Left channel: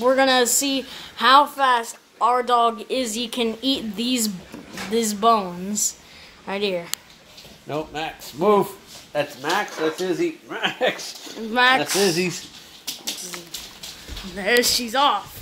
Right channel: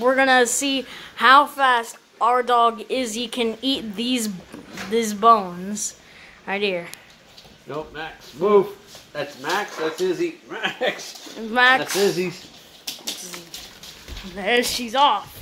we're gonna see how fast our dog Izzy can eat these bones right here. No, Max, move. That's Max. That's Izzy. Max. Max. That's Izzy's. There she's off.